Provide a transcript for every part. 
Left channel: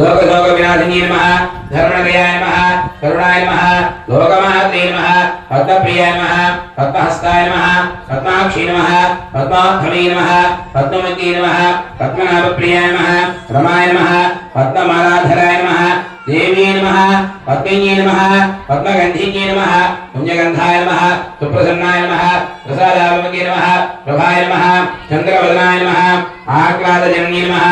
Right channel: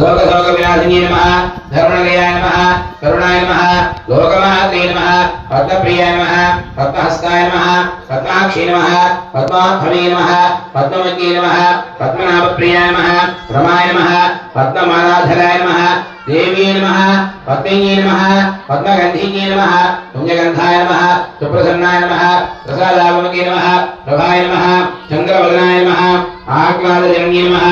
लोकशोकविनाशिनी नमः धर्मनिलयाय नमः करुणाय नमः लोकमात्रे नमः पद्मप्रियाय नमः पद्महस्ताय नमः पद्माक्षी नमः पद्माध्वने नमः पद्मवती नमः पद्मनाभप्रियाय नमः रमाय नमः पद्ममालाधराय नमः देवी नमः पद्मिन्ये नमः पद्मगन्धिन्ये नमः पुण्यगन्धाय नमः सुप्रसन्नाय नमः प्रसादात्मके नमः प्रभाय नमः चन्द्रवदनाय नमः आह्लादजन्ये नमः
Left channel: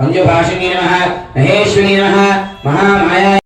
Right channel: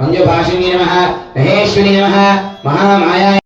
मञ्जुभाषिणी नमः महेश्वरी नमः महामाया